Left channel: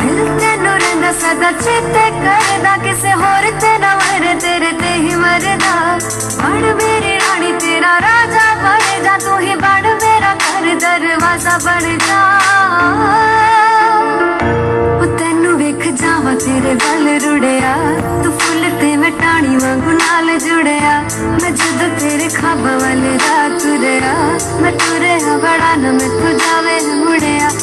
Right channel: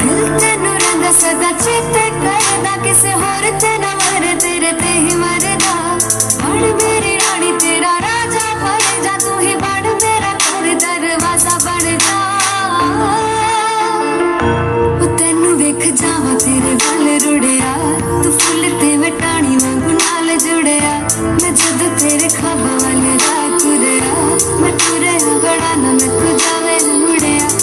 दिल तेनू रंगा सदा चेते करदा, किसे होर ते ना मरे, तेरे ते ही मरदा। बन मेरी रानी तेरा राजा बन जा, तू ही बन मेरा घर दरवाजा बन जा। ओ तेनू वेख जावा तेरे गल रुड़िया, तू फुल ते मैं टाणी वांगू नाल जुड़िया। मैं जद तेरे ख्वाब वाले रात तुरिया, मैं तुरे बड़ा न मैं